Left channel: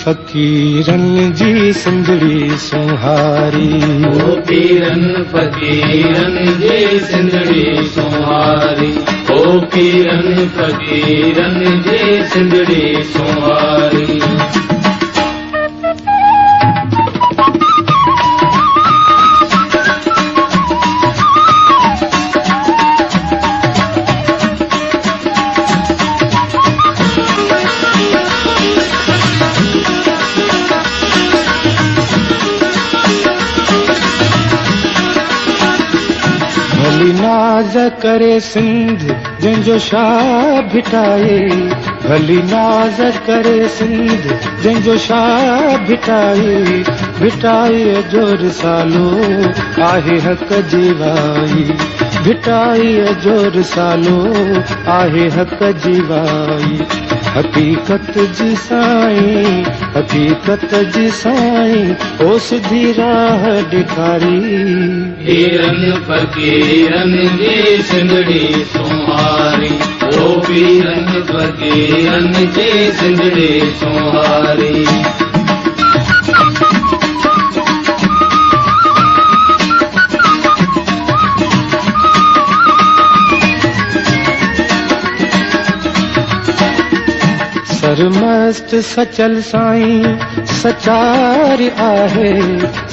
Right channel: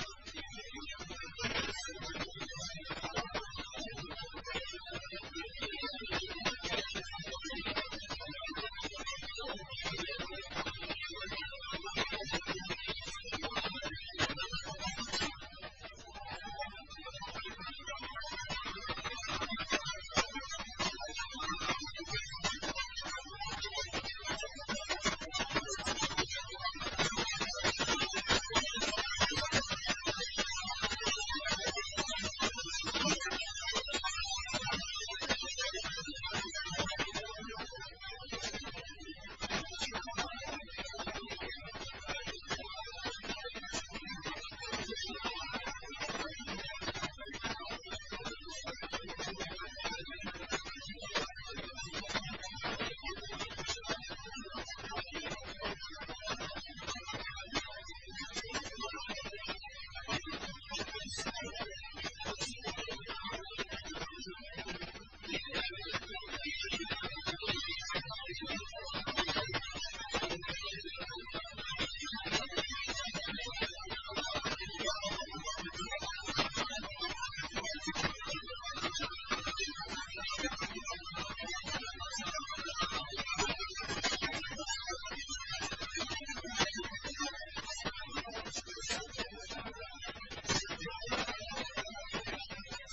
फ़क़ीरन जी सिंधड़ी सुहारी। ओ पीरन फ़क़ीरन जी सिंधड़ी सुहारी। ओ पीरन फ़क़ीरन जी सिंधड़ी सुहारी। भली नाज़ करे सिंध जंहिंजो शाह भिटाए। भली नाज़ करे सिंध जंहिंजो शाह भिटाए। भिटाईअ जो रिसालो आहे हक़ जी वाई। भिटाईअ जो रिसालो आहे हक़ जी वाई। हक़ीक़त जी साईं, हक़ीक़त जी साईं, ओ सिधी राह ॾेखारी। पीरन फ़क़ीरन जी सिंधड़ी सुहारी। ओ पीरन फ़क़ीरन जी सिंधड़ी सुहारी। सरमस्त सचल साईं सचार आहे।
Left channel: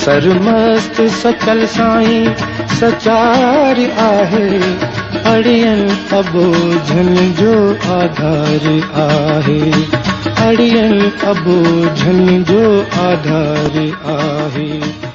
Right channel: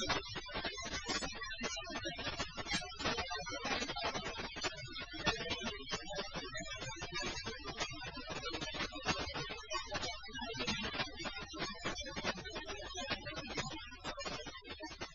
सरमस्त सचल साईं सचार आहे। अड़ियन अबोझन जो आधार आहे। अड़ियन अबोझन जो आधार आहे।